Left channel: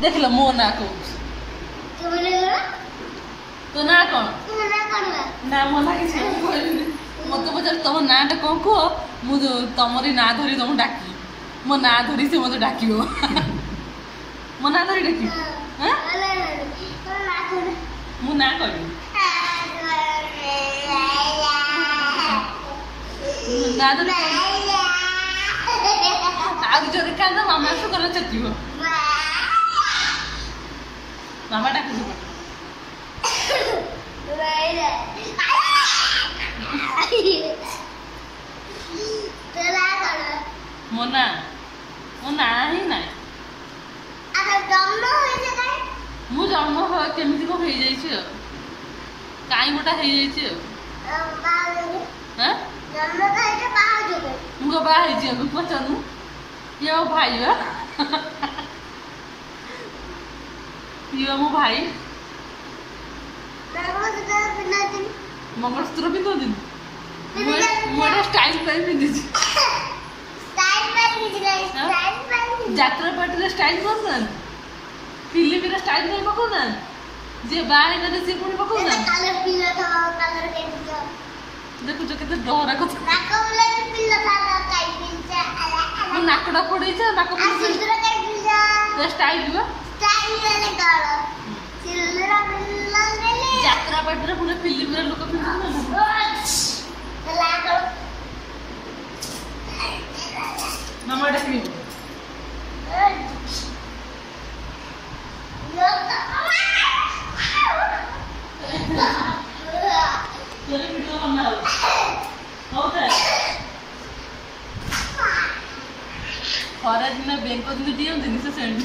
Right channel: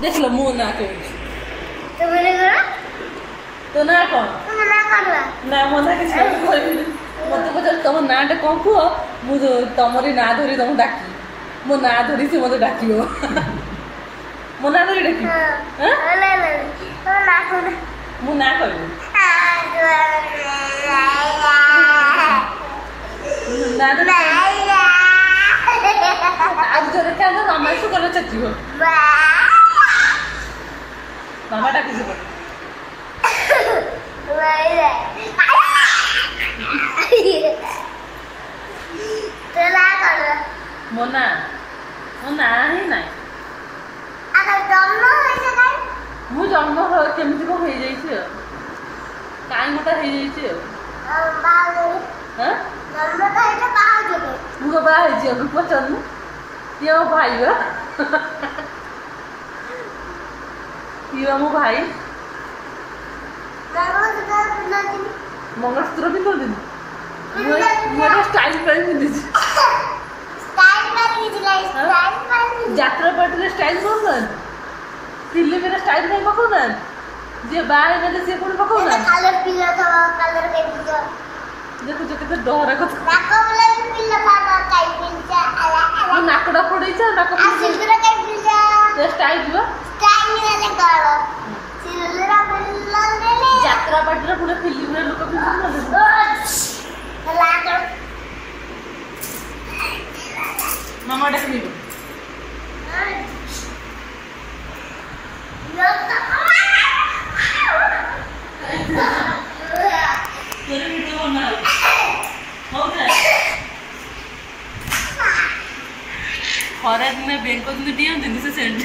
देख लो मो ना को तो मैंने करा तो ना कौन तो मना करवा ना मो ना के मत पचार तुम नाटा कौन कुह मुझे तुमरी ना धरी तुम डाकी मो ना धरी से मत डाक मो ना धरी डाकी ले ले तो ना कर मु ना कर ना धरी आज जो देखा तो मामा से गला चची हो मामा डाकी से पड़ मोना मोना ही नहीं मु जन्म केमती कौन हो जाइए कहीं गोटा हो जाइए मुझे बाहर पचारू ये मो भाई ये मो भाई मंगलसूत्र पिंध दिन मुझे स्टाइल कर पिंधि यात्रा पार्टी स्टाइल कर फिल्म में स्टाइल नहीं पकाना जे बाहर में से पुणी पकाना कलर पीला था कलर के दियो देखो जो कितना डरा को नाको वाला पीला था काई पीला ये नाकड़ा पड़ी छ नाको आ सिल्दरा काई पीला ये स्टाइल दियो स्टाइल वाले गालो सिल्दरा पीला ले यात्रा पार्टी रे पुणे फिल्म में लोग पिंधि लाकर मामा डाकनी तेरे वीडियो बना हो जाए खरा दिन बैंक दिन दियंती से सेंड